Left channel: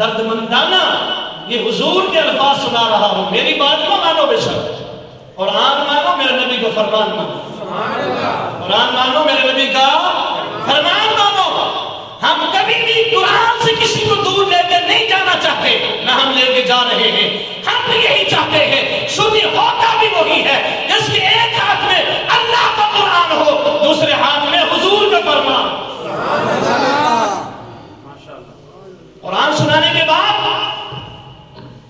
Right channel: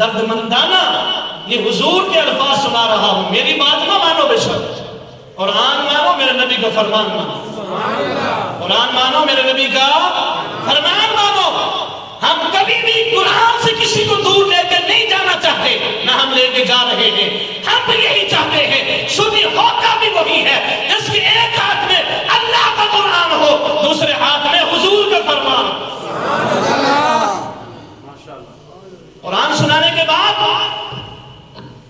دردمندانہ یہ حضور کے الفاظ سنا رہا ہوں. میری بات نہ مانو بے شک, قرآن مانو, میرے نبی کا فرمان مانو. قرآن مانو, میرے نبی کا فرمان مانو. ہم کبھی بھی قرآن سے کسی کو دور لے کر نہیں جانا چاہتے, نہ ہم لے کے جا رہے ہیں. ہم بھی یہی چاہتے ہیں, شدی ہوتا بھی وہی ہے جس کے ایک ہاتھ میں اللہ کا قرآن ہو, دوسرے ہاتھ میں حضور کا فرمان. قرآن سنانے کے بعد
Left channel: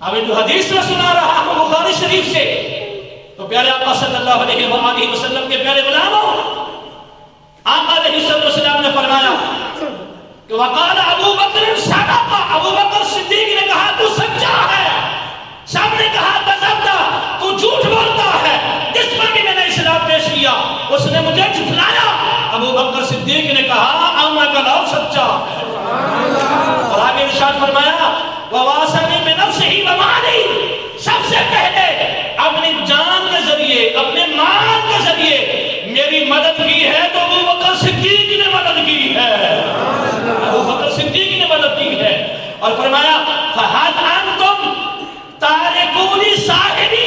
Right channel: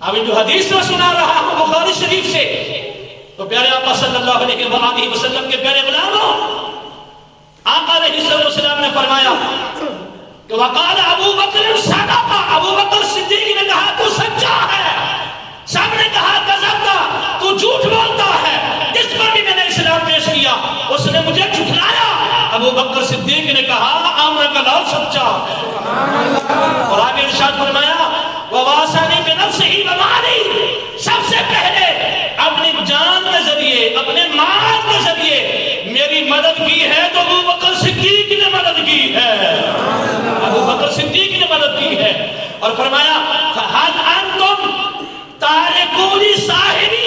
ابھی جو حدیث میں سنا رہا ہوں بخاری شریف سے, تو پیارے آقا صلی اللہ علیہ وآلہ وسلم کے پیارے غلاموں, آقا علیہ السلام نے فرمایا کہ وقال ابو بکر صدق, ابو بکر صدیق نے کہا تو سچا ہے. سب نے کہا کذبتا, تو جھوٹ بولتا ہے. جس پر بھی میں نے اسلام پیش کیا اس نے مجھے جھٹلایا. ابو بکر صدیق نے کہا آمنا کا لال سچا ہے. اور آگے ارشاد فرمایا وواسانی بنفسہ ومالی, سب سے پہلے اپنی جان کے ذریعے, اپنے مال کے ذریعے میری مدد کی ہے تو ابو بکر صدیق نے مدد کی ہے. ابو بکر صدیق نے مدد کی ہے. اور فرمایا فَهَلْ أَنْتُمْ تَارِكُونِ صَاحِبِي,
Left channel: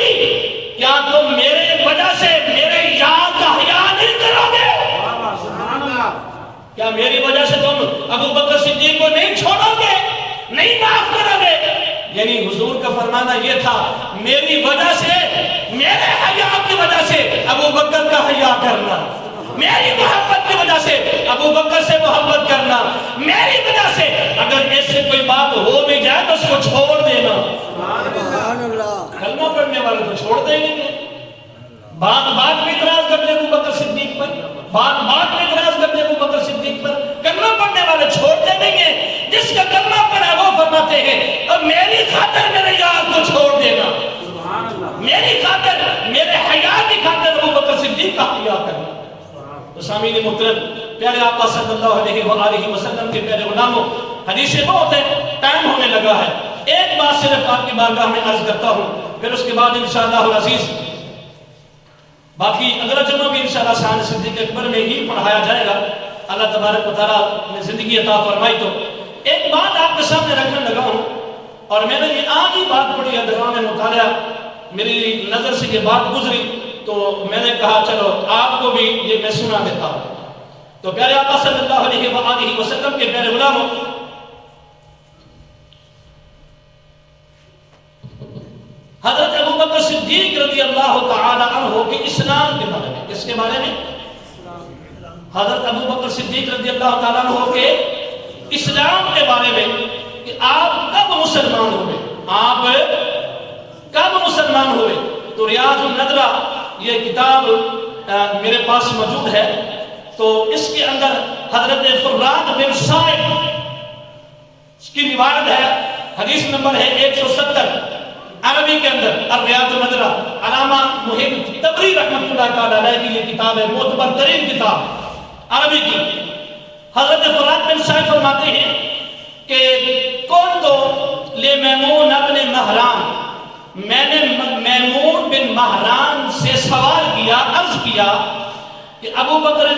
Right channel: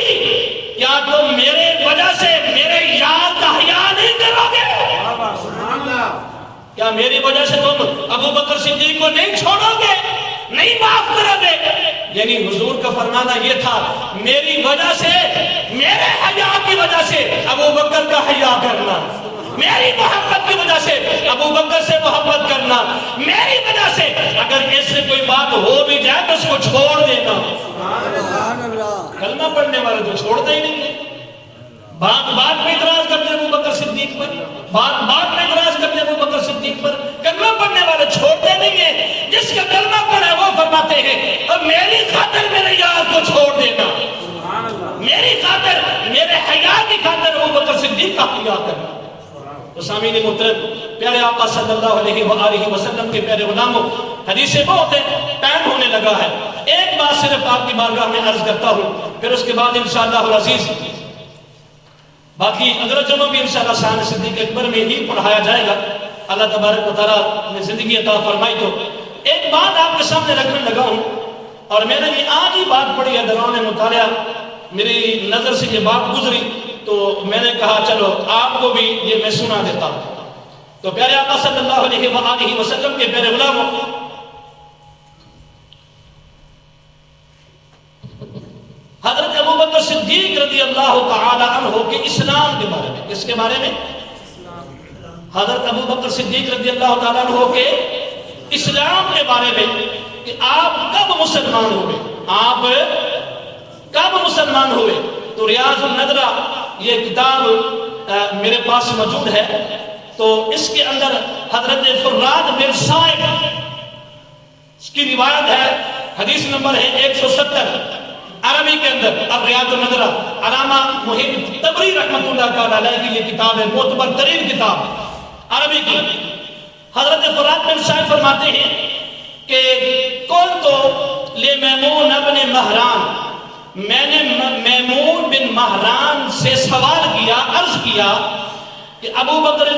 کیا تم میرے وجہ سے میرے یاد کا حیا نہیں کرو گے؟ کیا میری وجہ سے تم ابو بکر صدیق کو نہیں چھوڑو گے, نہیں معاف کرو گے؟ یعنی حضور کا فرمانا یہ تھا, میری وجہ سے, میرے حیا کی وجہ سے ابو بکر کا حیا کرنا, میری محبت کی وجہ سے ابو بکر سے محبت کرنا, میری وجہ سے اگر اس سے کوئی بات ہو بھی جائے تو اس کو چھوڑ دینا. کلمہ پڑھنے والے تو چھوڑ دیں گے, بات بات میں اعتراض کر دے ابو بکر صدیق پر, بات بات میں اعتراض کر دے ابو بکر صدیق پر, کلمہ پڑھنے والے چھوڑتے نہیں ہیں. جس کا کلمہ پڑھا وہ فرماتے ہیں اب میری خاطر میرے یار کو چھوڑ دینا, میری خاطر, میرے حیا کی خاطر ابو بکر صدیق کا حیا کرنا. تو سامعین محترم, پیارے آقا صلی اللہ علیہ وآلہ وسلم کے پیارے غلاموں, حدیثیں بہت ہیں, ٹائم ہونے لگا ہے. ایک بات صرف آپ کی بارگاہ میں عرض کرتا ہوں, پھر اس کے بعد انشاءاللہ العزیز باقی اگلا جمعہ بھی انشاءاللہ شان صدیق اکبر میں ہی پڑھایا جائے گا. اللہ تبارک و تعالیٰ نے زندگی عطا فرمائی. تو ایک بات آپ کے سامنے رکھنے لگا ہوں, اور میں نے یہ آج ہی بات پڑھی ہے دوران مطالعہ, میری نظر سے یہ بات گزری تو میں نے کہا چلو آپ کو بھی یہ میں سنا دیتا ہوں. تو پیارے آقا صلی اللہ علیہ وآلہ وسلم کے پیارے غلاموں, حضرت ابو بکر صدیق رضی اللہ تعالی عنہ کے اسلام کے بارے میں, کس کے بارے میں؟ حضرت ابو بکر صدیق رضی اللہ تعالی عنہ کے اسلام کے بارے میں, کہ آپ کب مسلمان ہوئے, آپ کب مسلمان ہوئے. تو ریاض النظرہ یہ کتاب میرے پاس موجود ہے, تو اس کے اندر حضرت فرات بن صائب اس کی روایت ہے, حدیث نمبر ہے 170 عربی کے اندر. الریاض النظرہ علامہ محب تبری رحمۃ اللہ تعالی علیہ کی یہ کتاب ہے, معتبر ترین کتاب عربی کی. حضرت فرات بن صائب فرماتے ہیں کہ قلت لمیمون ابن مہران, میں نے میمون بن مہران سے سوال کیا, عرض کیا کہ ابو بکر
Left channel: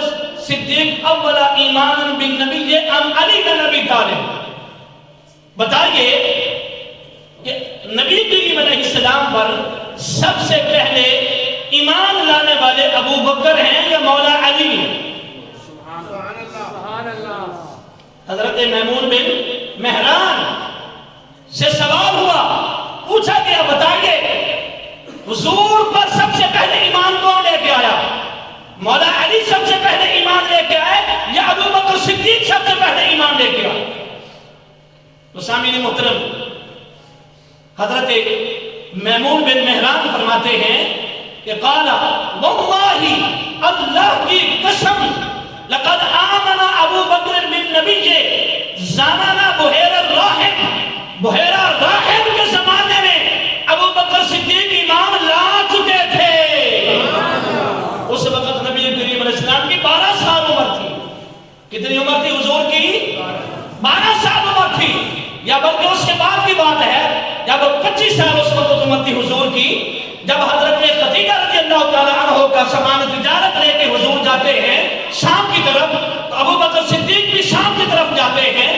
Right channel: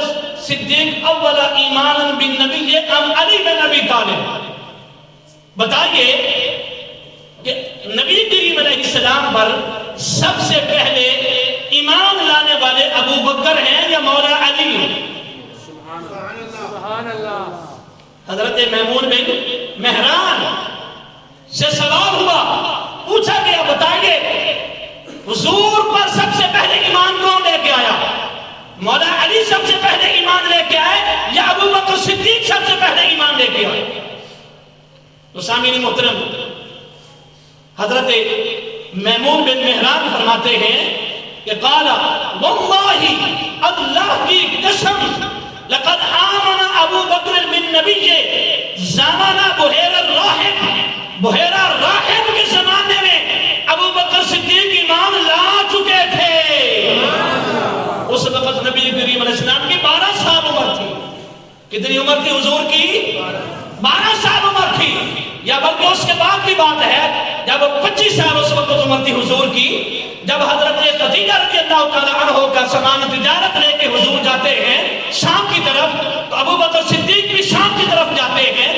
صدیق اول ایمان بالنبی ام علی بن ابی طالب, بتائیے کہ نبی کریم علیہ السلام پر سب سے پہلے ایمان لانے والے ابو بکر ہیں یا مولا علی ہیں؟ حضرت میمون بن مہران سے سوال ہوا, پوچھا گیا بتائیے حضور پر سب سے پہلے ایمان کون لے کے آیا, مولا علی سب سے پہلے ایمان لے کے آئے یا ابو بکر صدیق سب سے پہلے ایمان لے کے آئے؟ تو سامعین محترم, حضرت میمون بن مہران فرماتے ہیں کہ قال واللہ, اللہ کی قسم, لقد آمن ابو بکر بن نبی زمانہ بحیرہ الراہب, بحیرہ راہب کے زمانے میں ابو بکر صدیق ایمان لا چکے تھے. اس وقت نبی کریم علیہ السلام کی 12 سال عمر تھی. کتنی عمر تھی حضور کی؟ 12 سال عمر تھی, یا بلکہ اس کے بعد کی بات ہے جب 25 سال اس وقت عمر تھی حضور کی, جب حضرت خدیجہ رضی اللہ تعالی عنہ کا سامان تجارت لے کے حضور جاتے ہیں شام کی طرف, تو ابو بکر صدیق بھی شام کی طرف جاتے ہیں,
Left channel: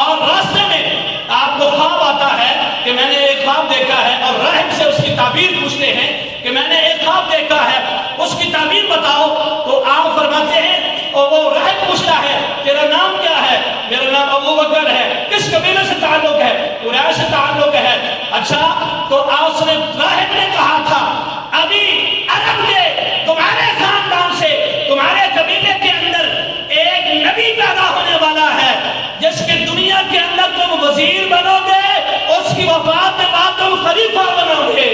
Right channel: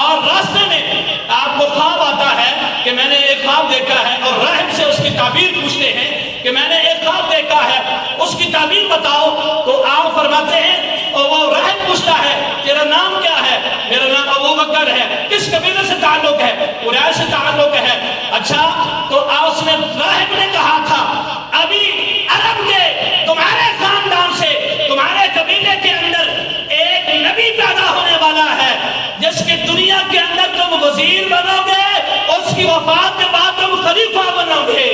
اور راستے میں آپ کو خواب تعبیر پوچھتے ہیں کہ میں نے ایک خواب دیکھا ہے، اس کی تعبیر بتاؤ، تو آپ فرماتے ہیں، اور وہ راہب پوچھتا ہے تیرا نام کیا ہے؟ میرا نام ابو بکر ہے۔ کس قبیلے سے تعلق ہے؟ قریش سے تعلق ہے۔ اچھا، تو اس نے راہب نے کہا تھا ابھی عرب کے تمہارے خاندان سے، تمہارے قبیلے کے اندر ایک نبی پیدا ہونے والا ہے جس کے دنیا کے اندر تم وزیر بنو گے، اس کی وفات کے بعد تم خلیفہ بنو گے۔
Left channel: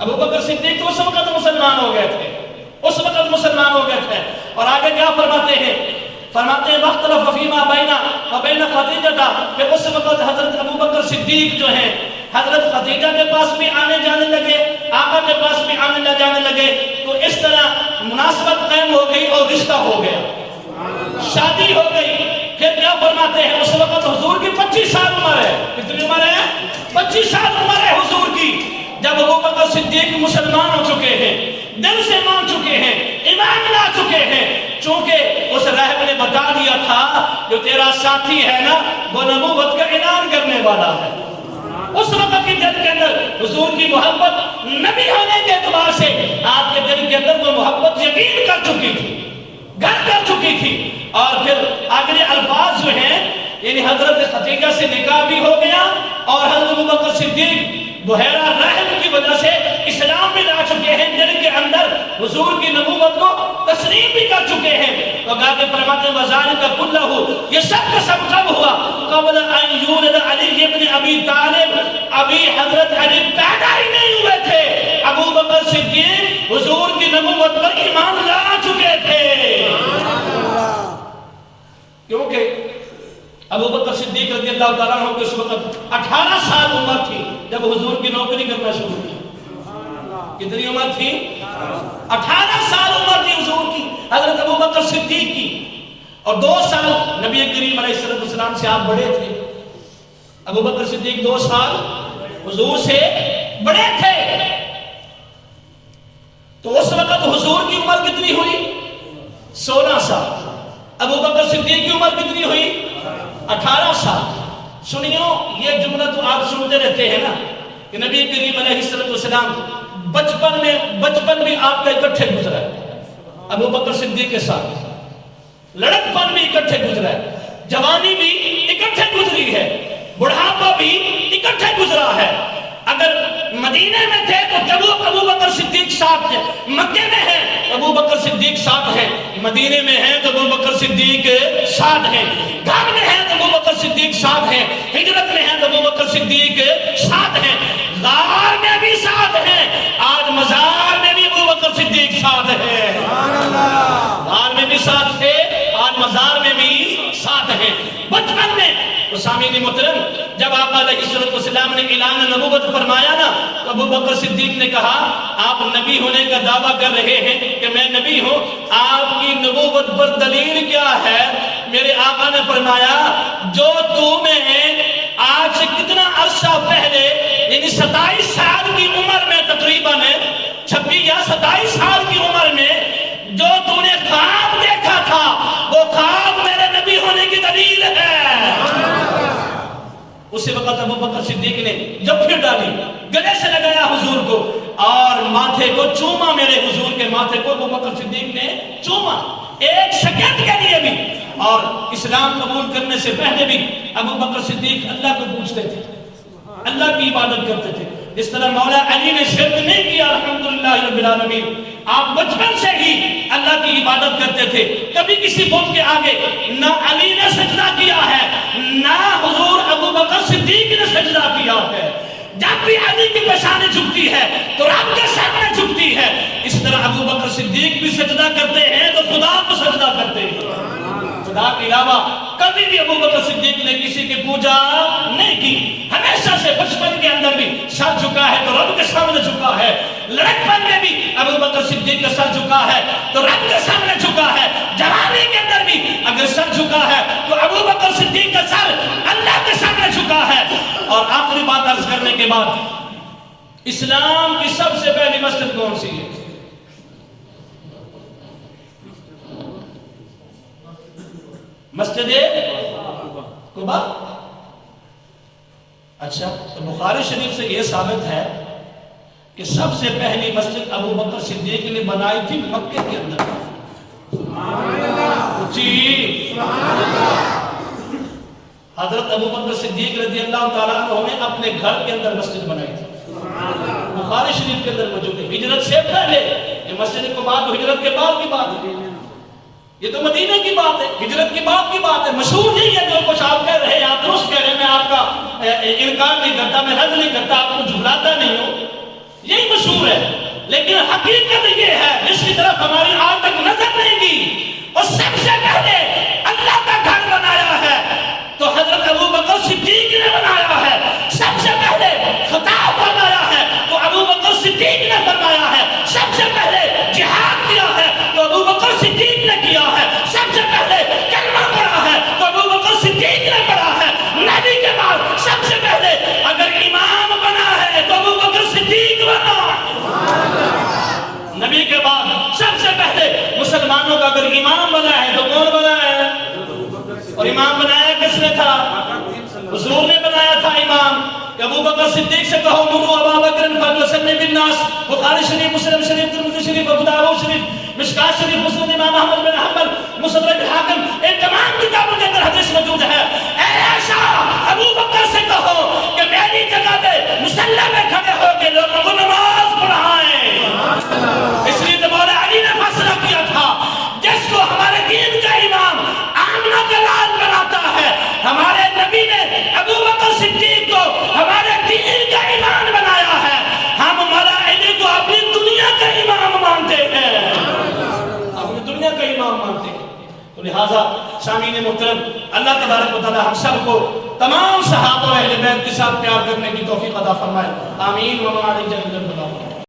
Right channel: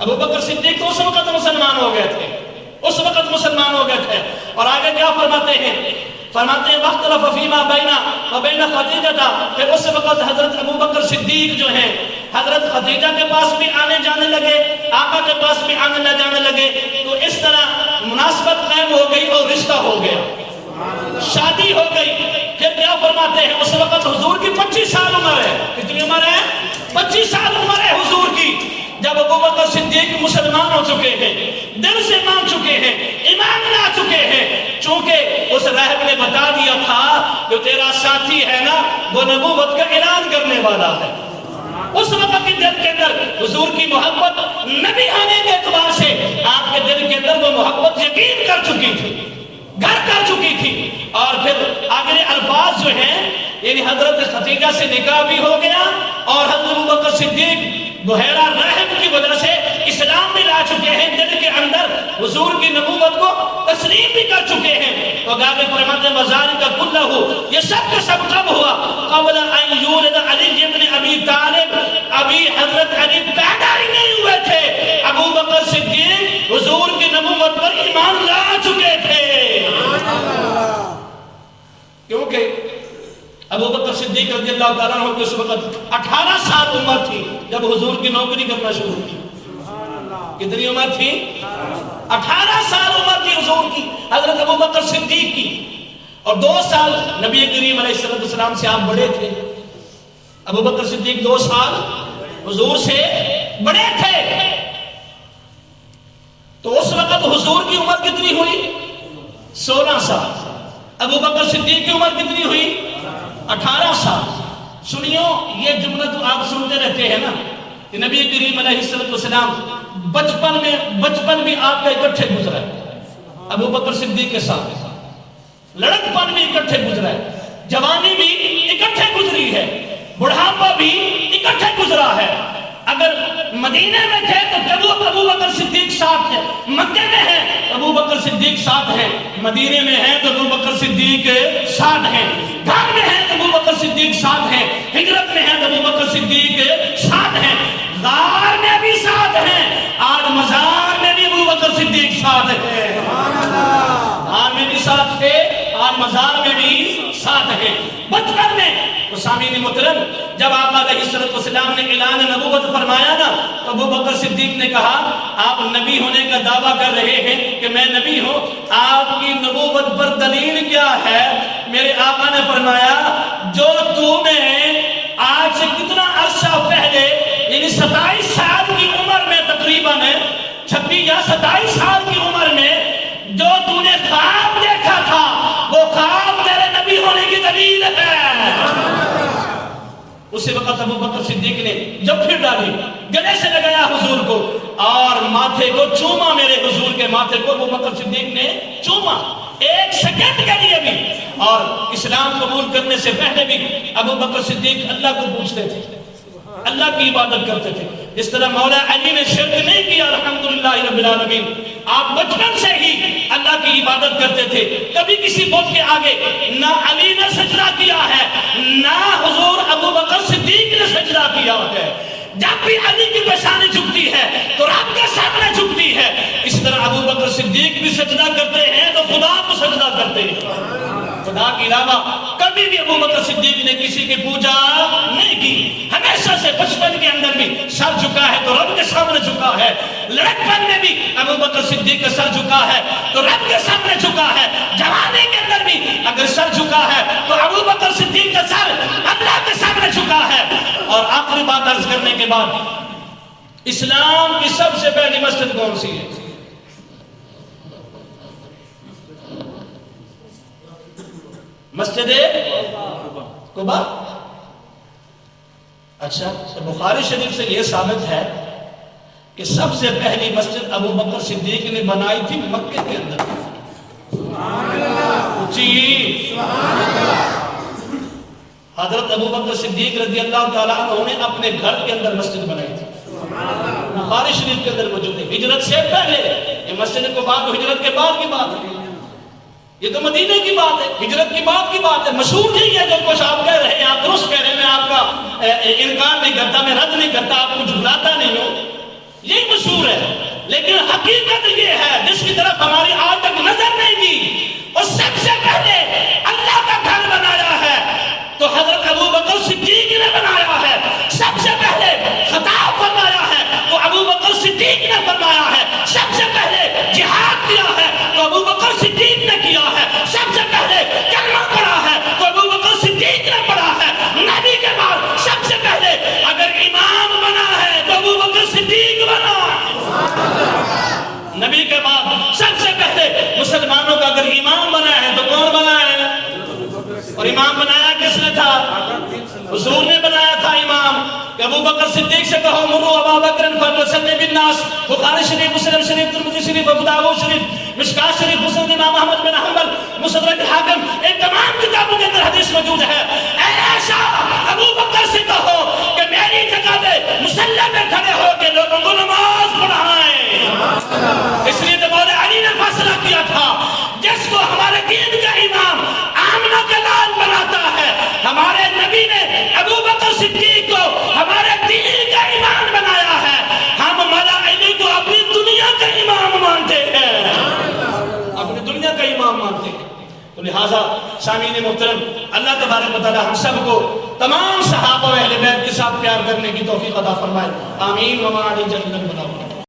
ابو بکر صدیق تو اس وقت مسلمان ہو گئے تھے، اس وقت مسلمان ہو گئے تھے۔ اور آگے کیا فرماتے ہیں؟ فرماتے ہیں وَاخْتَلَفَ فِي مَا بَيْنَ وَبَيْنَ خَدِیجَةَ، پھر اس وقت حضرت ابو بکر صدیق جو ہیں حضرت خدیجہ کے پاس بھی آنے جانے لگے، آقا کے پاس بھی آنے جانے لگے، تو اس طرح مناسبت قائم ہو گئی اور رشتہ ہو گیا، شادی ہو گئی۔ پھر کیا فرماتے ہیں؟ اس وقت حضور کی 25 سال عمر ہے۔ کتنی عمر ہے؟ 25 سال عمر ہے حضور کی، جب ابو بکر صدیق مسلمان ہو چکے ہیں، دل سے مان چکے ہیں، ایمان لا چکے ہیں۔ چونکہ اس راہب نے بتا دیا تھا جو تیرا ساتھی ہے نا وہ نبوت کا اعلان کرنے والا ہے، اس وقت کے دل کے اندر حضور کی محبت نبی ہونے کے اعتبار سے آپ کے دل کے اندر وہ محبت یقین کر چکی تھی، گھر کر چکی تھی۔ اور پھر آگے الفاظ جو ہیں، یعنی حضرت خدیجہ سے نکاح بھی ہو گیا، اور حضرت ابو بکر صدیق بحیرہ راہب کی وجہ سے اسلام میں لا چکے ہیں، دل کے اندر حضور کی نبوت کو تسلیم بھی کر چکے ہیں۔ تو آگے فرماتے ہیں وَذَلِكَ كُلَّهُ، یہ سب کا سب کب ہوا؟ قبل ان یولد علی ابن ابی طالب، ابھی حضرت علی پیدا ہی نہیں ہوئے تھے، ابو بکر صدیق حضور کی نبوت پر ایمان لا چکے تھے۔ کیونکہ ابو بکر صدیق رضی اللہ تعالیٰ عنہ اس وقت 18 سال عمر تھی جب حضور کی نوکری کرنا شروع کی۔ کتنی عمر تھی؟ 18 سال عمر تھی حضور کی، حضرت ابو بکر صدیق کی، اور 2 سال نبی کریم علیہ السلام سے آپ بڑے تھے۔ ابو بکر صدیق 2 سال حضور سے بڑے تھے، تو اس وقت حضور کی عمر کتنی ہوئی؟ 16 سال۔ ابو بکر صدیق کی عمر کتنی ہوئی؟ 18 سال۔ سنیو، یہ جملہ تو آپ سنتے رہتے ہیں نا کہ نبی کریم علیہ السلام بچپن بھی آپ کا اکٹھے گزرا ہے، ابو بکر صدیق کے ساتھ لڑکپن بھی اکٹھے گزرا ہے، جوانی بھی اکٹھے گزری ہے، بڑھاپا بھی اکٹھے گزرا ہے۔ اگر مدینے میں تھے تو ابو بکر صدیق ساتھ ہے، مکے میں ہیں ابو بکر صدیق ساتھ ہے، مدینے میں ہیں تو ابو بکر صدیق ساتھ ہیں، گھر میں ہیں تو ابو بکر صدیق ساتھ ہیں، ہجرت میں ہیں تو ابو بکر صدیق ساتھ ہیں، غار میں بھی ساتھ ہیں، آج مزار میں بھی ابو بکر صدیق ساتھ ہیں، غار میں بھی ساتھ تھے، آج مزار میں بھی ساتھ ہیں۔ بچپن میں سامعین محترم جب آقا علیہ السلام نے اعلان نبوت فرمایا نا تو ابو بکر صدیق نے کہا آپ نبی ہونے کا دعویٰ کر رہے ہیں کہ میں نبی ہوں، آپ کی نبوت پر دلیل کیا ہے؟ میرے آقا نے فرمایا جو تو نے آج سے کتنا عرصہ پہلے یعنی 27 سال کی عمر میں تقریباً 26 یا 27 سال کی عمر میں جو تو نے خواب دیکھا تھا وہ خواب میرے نبی ہونے کی دلیل ہے۔ اسی وقت ابو بکر صدیق نے جب پھر ڈالی، گلے سے لگایا حضور کو اور ماتھے کو چوما، میرے حضور کے ماتھے کو ابو بکر صدیق نے چوما 1 سیکنڈ کے لیے بھی۔ اور اسلام قبول کرنے سے پہلے بھی ابو بکر صدیق اللہ کو پوچھتے تھے، اللہ کی عبادت کرتے تھے، جس طرح مولا علی نے شرک نہیں کیا الحمدللہ رب العالمین۔ آپ بچپن سے ہی اللہ کی عبادت کرتے تھے، کبھی کسی بت کے آگے نہ علی نے سجدہ کیا ہے نہ حضور ابو بکر صدیق نے سجدہ کیا ہے۔ جب بھی علی کی پیشانی جھکتی ہے تو رب کے سامنے جھکتی ہے، اس طرح ابو بکر صدیق بھی سجدہ کرتے ہیں تو خدا کو سجدہ کرتے ہیں، خدا کے علاوہ کبھی بھی ابو بکر صدیق نے کسی کی پوجا نہیں کی۔ ہمیشہ سے بچپن کے اندر بھی سر جھکا ہے تو رب کے سامنے جھکا ہے، لڑکپن میں بھی ابو بکر صدیق کا سر جھکا ہے تو رب کے سامنے جھکا ہے، جوانی کے اندر بھی اگر سر جھکا ہے تو ابو بکر صدیق کا سر اللہ کے سامنے جھکا ہے۔ اور آخری بات عرض کرنے کے بعد، اسلام کی سب سے پہلی مسجد کون سی ہے؟ مسجد قباء۔ اچھا، تو بخاری شریف سے یہ ثابت ہے کہ سب سے پہلی مسجد ابو بکر صدیق نے بنائی تھی مکے کے اندر. جی، حضرت ابو بکر صدیق رضی اللہ تعالیٰ عنہ نے اپنے گھر کے اندر مسجد بنائی تھی. بخاری شریف کے اندر موجود ہے. ہجرت سے پہلے، یہ مسجد کو بات تو ہجرت کے بعد کی بات ہے. یہ تو مدینہ کی بات ہے، ہجرت کی بات کی بات ہے. مشہور یہی ہے جو کچھ آپ کہہ رہے ہیں، آپ درست کہہ رہے ہیں، میں آپ کا انکار نہیں کرتا، میں رد نہیں کرتا، آپ کو جھٹلاتا نہیں ہوں، یہی مشہور ہے. لیکن حقیقت یہ ہے جس کی طرف ہماری آج تک نظر نہیں گئی، اور سب سے پہلے اللہ کا گھر بنایا ہے تو حضرت ابو بکر صدیق نے بنایا ہے. سب سے پہلے خطاب فرمایا ہے تو ابو بکر صدیق نے فرمایا ہے. سب سے پہلے جہاد کیا ہے تو ابو بکر صدیق نے کیا ہے. سب سے پہلے کلمہ پڑھا ہے تو ابو بکر صدیق نے پڑھا ہے. نبی کے بعد سب سے پہلے اگر امام بنا ہے تو ابو بکر صدیق بنا ہے. نبی کے بعد سب سے پہلے مسلمانوں کا اگر امام بنا ہے تو کون بنا ہے؟ اور امام بنایا کس نے تھا؟ حضور نے بنایا تھا امام. کہ ابو بکر صدیق سے کہو مرو ابا بکر فلیصلی بالناس. بخاری شریف، مسلم شریف، ترمذی شریف، ابو داؤد شریف، مشکات شریف، مسند امام احمد بن حنبل، مستدرک حاکم، ان تمام کتابوں کے اندر حدیث موجود ہے. اے عائشہ، ابو بکر سے کہو کہ میری جگہ پہ مصلی میں کھڑے ہو کے لوگوں کو نماز پڑھائیں. اس لیے تو مولا علی نے فیصلہ کیا تھا جس کو ہمارے دین کا امام آمنہ کا لال بناتا ہے، ہمارے نبی نے ابو بکر صدیق کو ہمارے دین کا امام بنایا ہے. ہم مولا علی کو اپنی دنیا کا امام مانتے ہیں، اپنی دنیا کا امام مانتے ہیں. تو لہٰذا سامعین محترم، اللہ تبارک و تعالی ہم سب کو تمام صحابہ و اہل بیت کے ساتھ پیار کرنے کی توفیق عطا فرمائے. آمین. وما علینا الا البلاغ.